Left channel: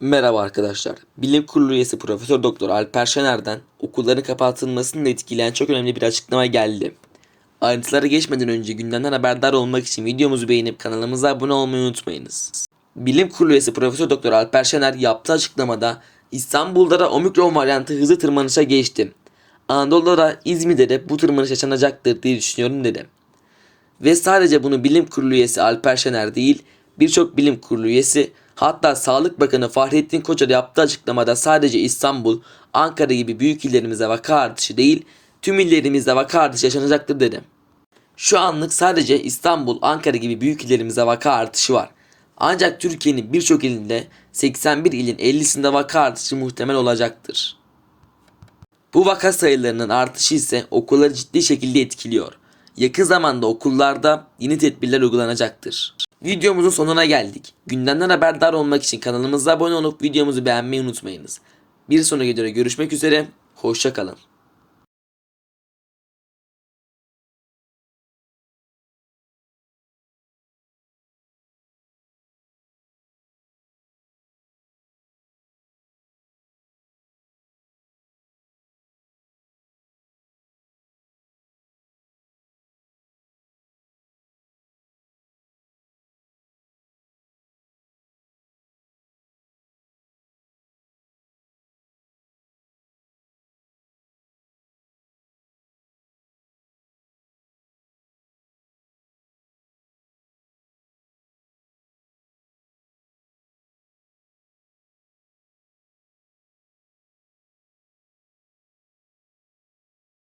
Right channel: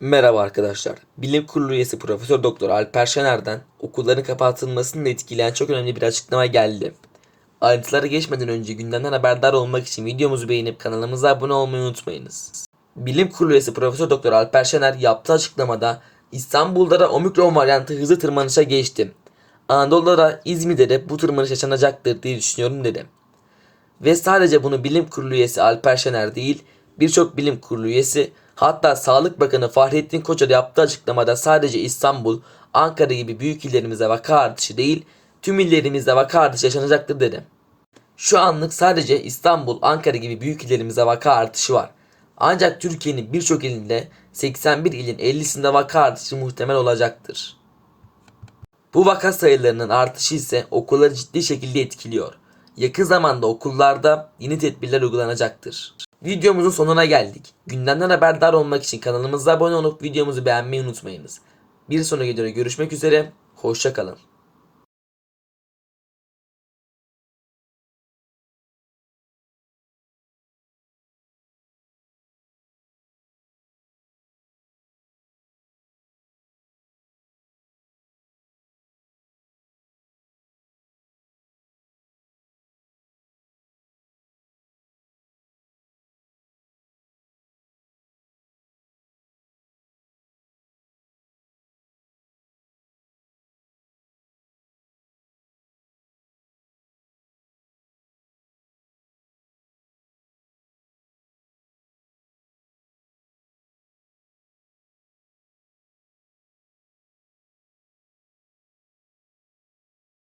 Merhaba arkadaşlar. Bilim Kurulu üyesi Profesör Doktor Alper Şener'den okulların kapatılmasını etkileyen çok önemli bir açıklama geldi. Ayrıntılara geçmeden önce gündemden haberdar olmak için videomuzu beğenip kanalımıza abone olmayı unutmayınız. Bilim Kurulu üyesi Profesör Doktor Alper Şener yaptığı açıklamada İstanbul'da da omikron varyantı hızlı tırmanışa geçti. Anadolu'da da İzmir'de de bu tırmanış yaşanacaktır diye düşünüyorum dedi. Ve sadece bunu bilim kurulu üyesi Alper Şener değil, birçok bilim kurulu üyesi hatta Sağlık Bakanı Fahrettin Koca yaptığı açıklamada sadece İstanbul, Ankara gibi büyük illerimizde vaka artışı değil, tüm illerimizde vaka artışı yaşanacaktır dedi. Şu anlık sadece İstanbul, Ankara gibi büyük illerimizde vaka artışı var. Ancak Türkiye'nin birçok ilinde 81 ilin 50'sinde vaka artışı muhtemel olacaktır. Bu vaka sayılarının artışı ise okulları ciddi şekilde etkiliyor. Yakın zamanda okullarda yeni tedbirler uygulanacaktır. Videomuzun sonuna geldik. Gündemden haberdar olmak için kanalımıza abone olup videomuzu beğenmeyi unutmayınız. Bir sonraki videoda görüşmek üzere, hoşçakalın.